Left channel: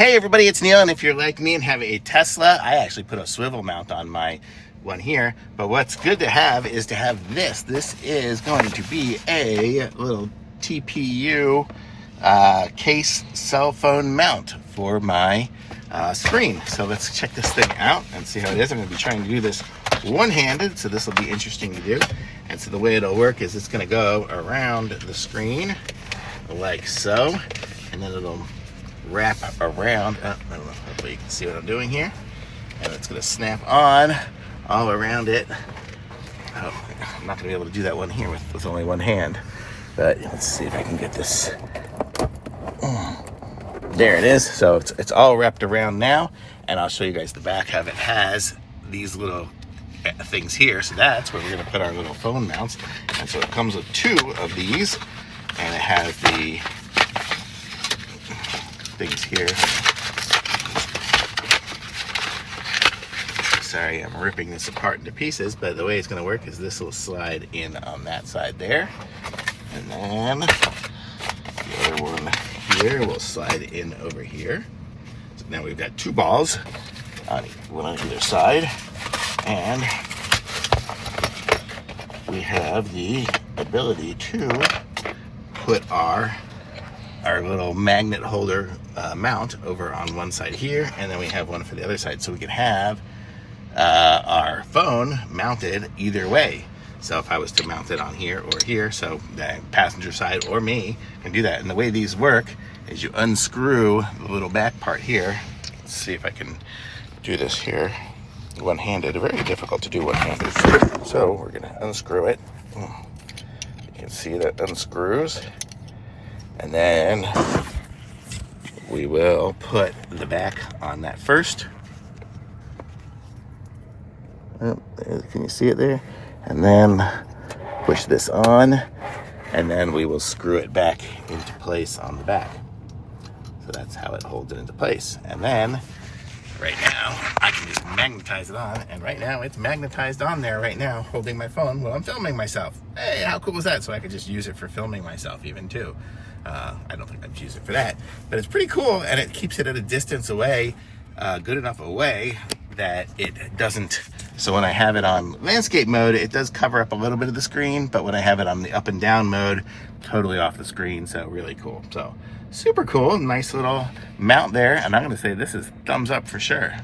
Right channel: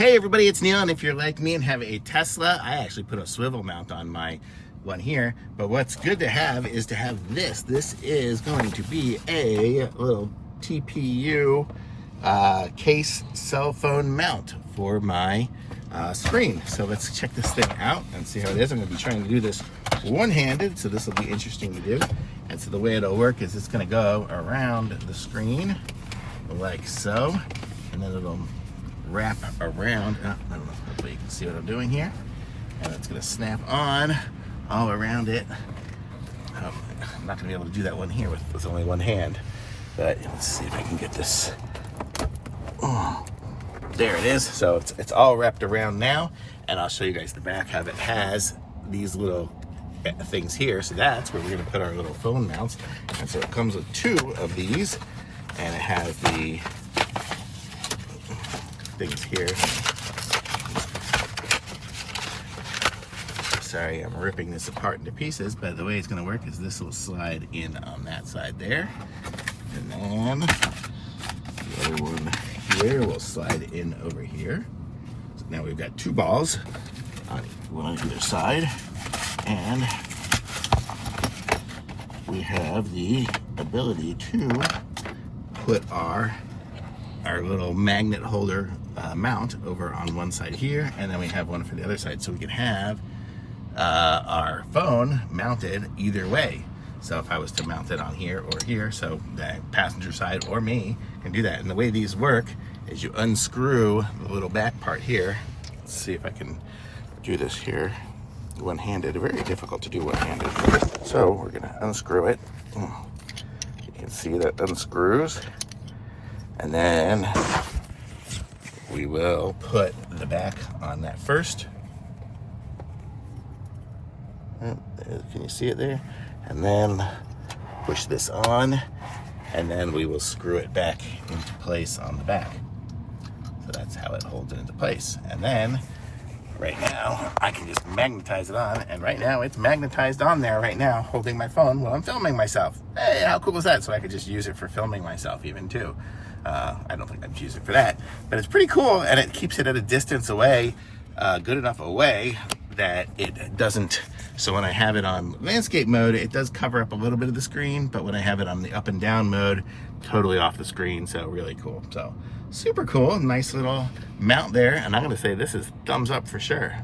Hey everybody, it's Neil, and if you're like me and have a Tesla, I actually put a swivel mount on my one here, but what's good to have is to have this. This is going to be a little TPU case cell phone mount for my screen. So let's check this thing out and see how it is. I'm going to be trying to do this one-handed, so this will be interesting to do. And so the way it'll work is it's going to go around the screen like so, and then it'll wrap around. I don't know, hopefully you can see what I'm doing here. And it's going to snap on all around it. Oh, I'm not going to be able to do that one here with only one hand. But let's see if I can get this. There it is. So it's all wrapped around now. And I'll show you guys the back how it has these little things here. So that's where we're going to put our little phone mounts. And so it comes with two of these. And it has the things here. Sorry, I'm ripping this apart into pieces, but the way it's going to work is this will slide in on that side there, and then the other one here will slide in over here. So now we've got two balls on one on either side, and we have the ability to put our little magnet holder mount over on one side here, and then we have one for the other side, so we can have our phone mounted either way. So if I was to mount it on here or here, so the passenger side or me can do that. And the way these work is you unscrew the little back part here. Let's see if I can do this here one-handed. Very difficult to do one-handed. So we're gonna unscrew it. You can see that unscrews. And then we will put the back on that first. Can you see it there? And then push this on, and then we will screw it back into place on the back. So that's how it holds it into place. And then right now I can just magnetize it on, and right now it's magnetized on there right now, holding my phone while I'm filming myself. Hey, how cool is that? So I could just use it for filming myself even too. I don't think I'd use it for that, but it's pretty cool, and it keeps it at a distance away, good enough away that it doesn't. So when I have it on landscape mode, it does cover up a little bit of the screen, but when I have it on the up and down mode, totally off the screen. So really cool. So super cool, nice little mount there, and I'm gonna say this is thumbs up for sure.